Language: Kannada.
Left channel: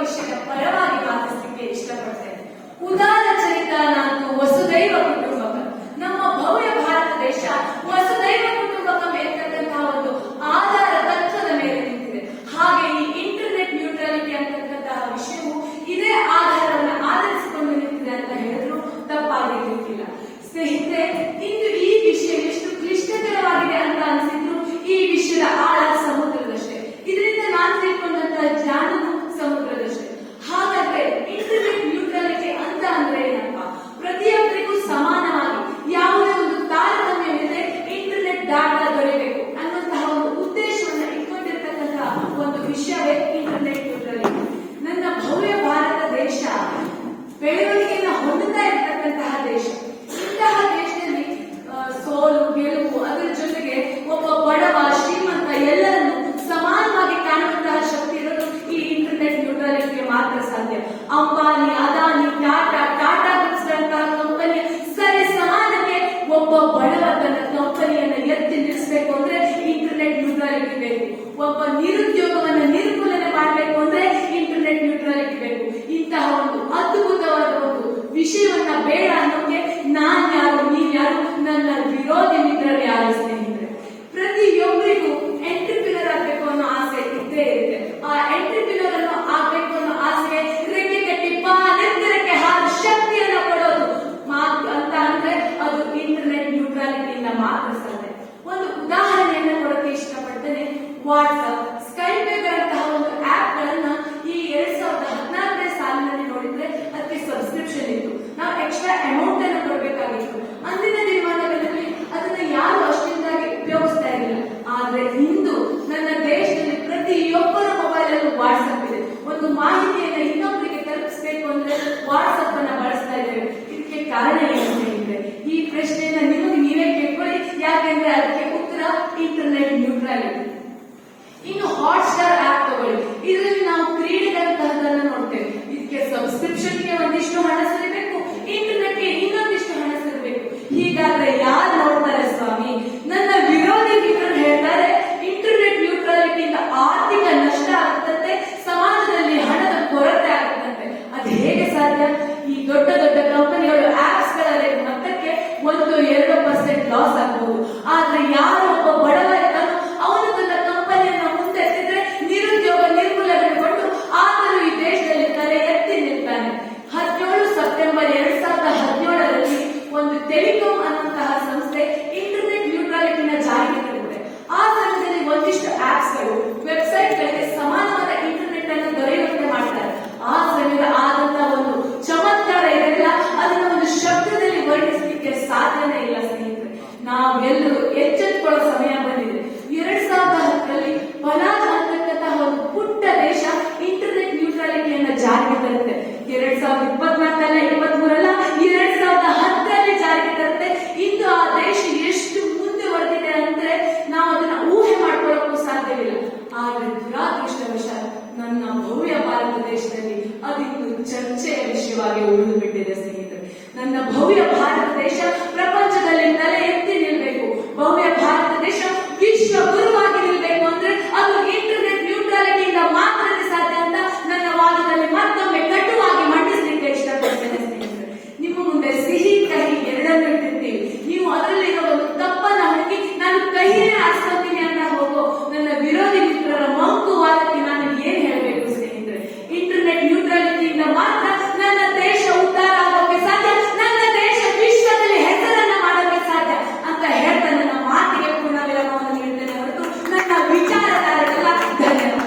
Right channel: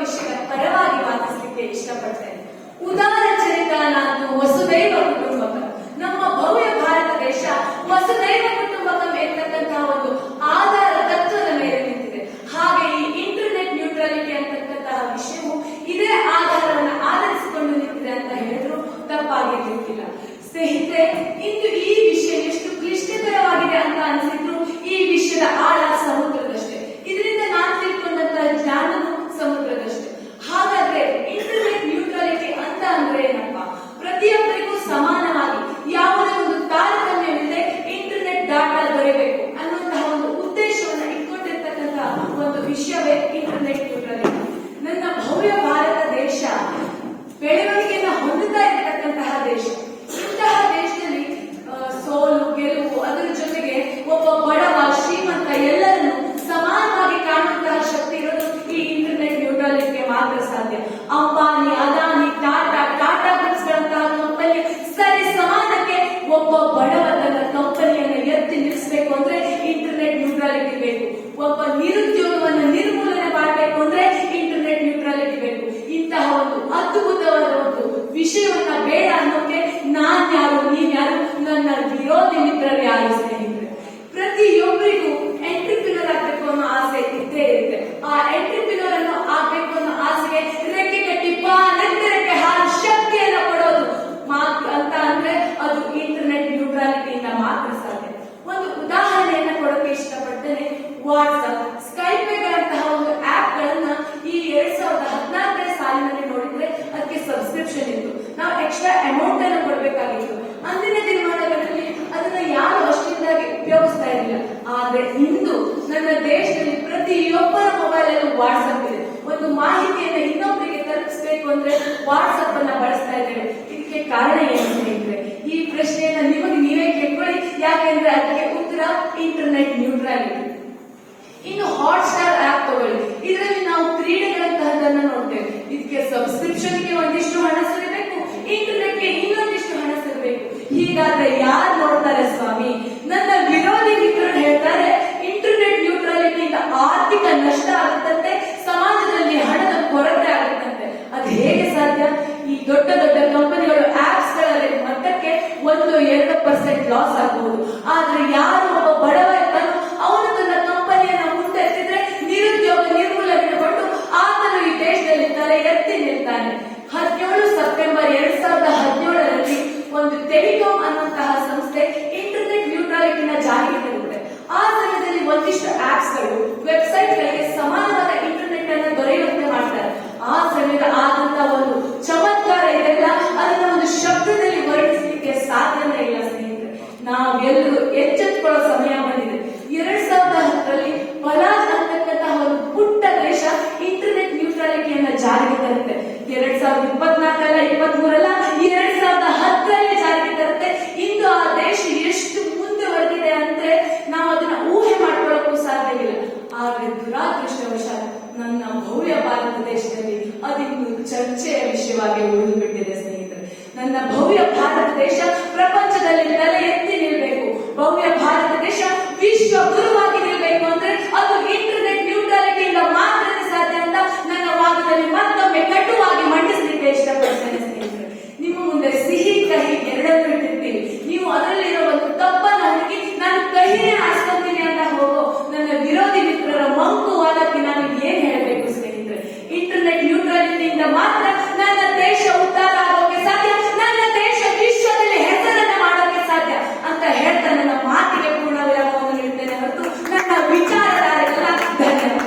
ವಿಷಯದ ಪರವಾಗಿ ಮಾತಿಸಲಿಕ್ಕೆ ಇಷ್ಟಪಡ್ತೇನೆ. ಉದಾರ ಚರಿತ್ರನಾತು ವಸುದೈವ ಕುಟುಂಬಕಂ. ನಮ್ಮ ಭವ್ಯ ಭಾರತ ದೇಶ ವಸುದೈವ ಕುಟುಂಬಕಂ ಎಂತಕ್ಕಂತಹ ಒಂದು ಆಧಾರ ತತ್ವದ ಮೇಲೆ ನಿಂತಿದೆ. ಹಾಗೆ ಈ ಇಂಟರ್ನೆಟ್ ನ್ಯೂಟ್ರಾಲಿಟಿ ಅಂತಕ್ಕಂತಹ ವಿಷಯವು ಇದೇ ಆಧಾರವನ್ನು ಆಧರಿಸಿಕೊಂಡು ನಿಂತಿದೆ ಅಂತ ಹೇಳಿದ್ರು ತಪ್ಪಾಗಿರ್ಲಿಕ್ಕಿಲ್ಲ. ಸ್ನೇಹಿತರೆ, ಇಂದು ಈ ವಿಷಯ ಎಷ್ಟು ಕ್ಲಿಷ್ಟಕರವಾಗಿದೆ ಅಂತ ಅನಿಸಿದ್ರು ಈ ವಿಷಯದ ಆಳ ಸಮುದ್ರದಷ್ಟೇ. ಇದರಿಂದ ನಾನು ತಿಳ್ಕೊಂಡಂತಹ ಜ್ಞಾನವು ಸಮುದ್ರದಷ್ಟೇ. ಹಾಗಾದ್ರೆ ಇಂಟರ್ನೆಟ್ ನ್ಯೂಟ್ರಾಲಿಟಿ ಅಂತ ಅಂದ್ರೆ ಏನಪ್ಪ? ಪ್ರತಿಯೊಬ್ಬರಿಗೂ ಸಮಾನವಾಗಿ ಯಾವುದೇ ಒಂದು ತಾರತಮ್ಯವಿಲ್ಲದೆ ಇಂಟರ್ನೆಟ್ ಡಾಟಾ ದೊರೆಯಬೇಕು ಅನ್ನುವಂತಹ ಒಂದು ಉದ್ದೇಶವನ್ನು ಇಟ್ಕೊಂಡಿರ್ತಕ್ಕಂತಹ ಒಂದು ವಿಷಯವೇ ಇಂಟರ್ನೆಟ್ ನ್ಯೂಟ್ರಾಲಿಟಿ. ನನ್ನ ಭವ್ಯ ಭಾರತ ದೇಶ ಬೆಳವಣಿಗೆಯನ್ನು ಹೊಂದುತ್ತಾ ಇರತಕ್ಕಂತಹ ದೇಶ. ಇಂತಹ ದೇಶದಲ್ಲಿ ಸೋಲು ಗೆಲುವು ಅದರ ಜೊತೆಗೆ ಒಬ್ಬ ಬಡವ ಶ್ರೀಮಂತ ಎಲ್ಲರನ್ನು ಸಮಾನವಾಗಿ ಕಾಣುವಂತಹ ಶಕ್ತಿ ಇರೋದು ಈ ಇಂಟರ್ನೆಟ್ ನ್ಯೂಟ್ರಾಲಿಟಿಗೆ ಮಾತ್ರ ಸಾಧ್ಯ. ಅಂಬಾನಿ, ಅದಾನಿ, ಟಾಟಾ ಗ್ರೂಪ್ಸ್ ಗಳಂತಹ ಕಂಪನಿ ಸರಿ ಸಮಾನಕ್ಕೆ ಒಬ್ಬ ಬಡವ ತನ್ನ ಕಂಪನಿಯನ್ನು ಎತ್ತಿ ನಿಲ್ಲಿಸಬೇಕು ಅಂದ್ರೆ ಇಂಟರ್ನೆಟ್ ನ್ಯೂಟ್ರಾಲಿಟಿ ಬೇಕು. ಒಬ್ಬ ನಿರುದ್ಯೋಗವನ್ನು ನಿರ್ಮೂಲನೆ ಮಾಡಬೇಕು ಅಂದ್ರೆ ಇಂಟರ್ನೆಟ್ ನ್ಯೂಟ್ರಾಲಿಟಿ ಬೇಕು. ಇಂತಹ ಒಂದು ಅದ್ಭುತವಾದ ಒಂದು ವಿಷಯವನ್ನ ಬೇಡ ಅನ್ನೋಕೆ ನಾನ್ಯಾರು, ನೀವ್ಯಾರು, ನನ್ನ ವಿರೋಧಿ ಮಿತ್ರರು ಯಾರು? ಸ್ನೇಹಿತರೆ, ಪ್ರತಿಯೊಬ್ಬರಿಗೂ ಎಂಟ್ರಿಪ್ರಿನರ್ ಆಗ್ಬೇಕು ಅನ್ನೋ ಆಸೆ ಇದ್ದೇ ಇರುತ್ತೆ. ಆ ಎಂಟ್ರಿಪ್ರಿನರ್ ಅನ್ನು ಆಗ್ಬೇಕು ಅನ್ನೋ ಆಸೆಗೆ ರೆಕ್ಕೆ ಕಟ್ಟಿ ನೆತ್ತಿರಕ್ಕೆ ಶಕ್ತಿಯನ್ನು ಕೊಡೋದು ಅಂತ ಅಂದ್ರೆ ಅದು ಇಂಟರ್ನೆಟ್ ನ್ಯೂಟ್ರಾಲಿಟಿಯಿಂದ ಮಾತ್ರ ಸಾಧ್ಯ. ಒಂದು ಉದಾಹರಣೆಯನ್ನ ಕೊಡೋಕೆ ಇಷ್ಟಪಡ್ತೇನೆ. ವಾಟ್ಸ್ಆಪ್, ಸ್ಕೈಪೇಗಳಂತಹ ಒಂದು ಆಪ್ ಗಳನ್ನ ಈ 2014ನೇ ಸಾಲಿನಲ್ಲಿ ನೋಡಿದ್ರೆ ಅದಕ್ಕೆ ಸಬ್ಸ್ಕ್ರಿಪ್ಷನ್ ಇತ್ತು. ನಾವು ಎಕ್ಸ್ಟ್ರಾ ಅಮೌಂಟ್ ಅನ್ನು ಕೊಡಬೇಕಾಗಿತ್ತು. ಅಂದಿನ ದಿನಮಾನಗಳಲ್ಲಿ ಅದನ್ನ ಯಾರು ಅಷ್ಟಿಂದಾಗಿ ಉಪಯೋಗಿಸ್ತಾ ಇರಲಿಲ್ಲ. ಆದ್ರೆ ಇಂದು ನನ್ನ ದೇಶದಲ್ಲಿ ಪ್ರತಿಯೊಬ್ಬರ ಮೊಬೈಲ್ ಅಲ್ಲೂ ವಾಟ್ಸ್ಆಪ್ ಇದೆ. ಒಂದು ಮಾಹಿತಿಯನ್ನು ಇನ್ನೊಬ್ಬರಿಗೆ ತಲುಪಿಸಬೇಕು ಅಂದ್ರೆ ವಾಟ್ಸ್ಆಪ್ ಅನ್ನ ಬಳಸ್ತಾ ಇದ್ದೇವೆ. ಇದಕ್ಕೆ ಕಾರಣ ಏನು ಸ್ನೇಹಿತರೆ? ಈ ಪ್ರಶ್ನೆಯನ್ನ ನಿಮಗೆ ನೀವೇ ಕೇಳ್ಕೊಳ್ಳಿ. ಯಾಕೆಂದ್ರೆ ಅದಕ್ಕೆ ಉತ್ತರ ಇಂಟರ್ನೆಟ್ ನ್ಯೂಟ್ರಾಲಿಟಿ. ಇನ್ನು ಹಾಟ್ಸ್ಟಾರ್ ಆಪ್ ತಗೊಳ್ಳಿ. ಇದರಲ್ಲಿ ನಾವು ಕ್ರೀಡೆಗಳಂತಹದನ್ನ ನೋಡ್ತೇವೆ. ಇದಕ್ಕೆ ಸಬ್ಸ್ಕ್ರಿಪ್ಷನ್ಗೆ ಒಂದಿಷ್ಟು ಹಣ ಸಿಗಬೇಕು, ಇಂಟರ್ನೆಟ್ಗೆ ಇನ್ನೊಂದಿಷ್ಟು ಹಣ ಸಿಗಬೇಕು. ಹೀಗಾದ್ರೆ ಯಾರು ನೋಡ್ತಾರೆ ಸ್ವಾಮಿ? ನನ್ನ ವಿರೋಧಿ ಮಿತ್ರರು ಹೇಳ್ತಾರೆ ಇಂಟರ್ನೆಟ್ ನ್ಯೂಟ್ರಾಲಿಟಿಯಿಂದ ಆರ್ಥಿಕ ನಷ್ಟ ಆಗುತ್ತಂತೆ, ಸಮಾಜದಲ್ಲಿ ಹಣದ ಕೊರತೆ ಆಗುತ್ತಂತೆ. ಅದು ಹೇಗೆ ಸಾಧ್ಯ? ಈ ದೊಡ್ಡ ದೊಡ್ಡ ಕಂಪನಿಗಳು ಆಪ್ಸ್ ಗಳಲ್ಲಿ ಮಟ್ಟಕ್ಕೆ 1-2% ಲಾಸ್ ಆಗಬಹುದು. ಆದ್ರೆ ಯಾರು ಒಬ್ಬ ಬಡವ ಇರ್ತಾನೋ ಅವನು ತನ್ನ ಕಂಪನಿಯನ್ನು ಮುಂದೆತ್ತಿದ್ರೆ ನಿರುದ್ಯೋಗ ನಿರ್ಮೂಲನೆಗೊಂಡು ಆತನು ಈ ದೇಶದಲ್ಲಿ ತಲೆ ಎತ್ತಿ ನಿಲ್ತಾನೆ. 17 ಸೆಪ್ಟೆಂಬರ್ 2017ರಲ್ಲಿ ಒಂದು ಟೆಲಿಕಾಂ ಅನ್ನುವಂತಹ ಸಂಸ್ಥೆ ಇಂಟರ್ನೆಟ್ ನ್ಯೂಟ್ರಾಲಿಟಿನ ಜಾರಿಗೆ ತರುತ್ತೆ. ಆ ಸಮಯದಲ್ಲಿ ಒಂದಿಷ್ಟು ಆಪ್ಸ್ ಗಳು ವೆಬ್ಸೈಟ್ ಗಳಿಗೆ ಸಮಾನವಾದ ಇಂಟರ್ನೆಟ್ ಅನ್ನು ದೊರೆಯುವಂತೆ ಮಾಡ್ತಾರೆ. ಆ ಸಮಯದ ಆದಂತಹ ಒಂದು ಚಮತ್ಕಾರ ಇದೆಲ್ಲ ಅದನ್ನ ಒಂದು ಶಬ್ದದಲ್ಲಿ ವರ್ಣಿಸಲಿಕ್ಕೆ ಸಾಧ್ಯನೇ ಇಲ್ಲ ಸ್ನೇಹಿತರೆ. ನಾವೆಲ್ಲರೂ ಎಚ್ಚೆತ್ತುಕೊಳ್ಳೋ ಸಮಯ ಬಂದಿದೆ. 2010ರಲ್ಲಿ ಮಲಾಜ್ ಅಂತಕ್ಕಂತಹ ಒಂದು ಪುಟ್ಟ ದೇಶ ಇಂಟರ್ನೆಟ್ ನ್ಯೂಟ್ರಾಲಿಟಿಯನ್ನ ಜಾರಿಗೆ ತರುತ್ತೆ. 2024-23 2010ರಲ್ಲಿ ಜಾರಿಗೆ ತರುತ್ತೆ. ಇಂದು ಆ ದೇಶ ಎಷ್ಟು ಮುಂದುವರೆದಿದೆ ಅಂದ್ರೆ ನಾವು ಅದನ್ನ ಊಹೆ ಮಾಡ್ಕೊಳ್ಳೋಕ್ಕೂ ಸಾಧ್ಯವಿಲ್ಲ. ಆದ್ರೆ ದುರಾದೃಷ್ಟವಶಾತ್ ನನ್ನ ಭವ್ಯ ಭಾರತ ದೇಶದಲ್ಲಿ ಅದಿನ್ನು ಚರ್ಚೆಯ ವಿಷಯವಾಗಿ ಉಳಿದು ಬಿಟ್ಟಿದೆ ಸ್ನೇಹಿತರೆ. ನನ್ನ ಭವ್ಯ ಭಾರತ ದೇಶ ಪ್ರಪಂಚದಲ್ಲಿ ತಲೆ ಎತ್ತಿ ನಿಲ್ಬೇಕು. ಭವ್ಯ ಭಾರತ ದೇಶ ವಿಶ್ವ ಗುರುವಾಗಿ ನಿಲ್ಬೇಕು ಅಂದ್ರೆ ಅದು ಇಂಟರ್ನೆಟ್ ನ್ಯೂಟ್ರಾಲಿಟಿಯಿಂದ ಮಾತ್ರನೇ ಸಾಧ್ಯ ಅಂತ ನನ್ನ ವಾದದಲ್ಲಿ ಮತ್ತೆ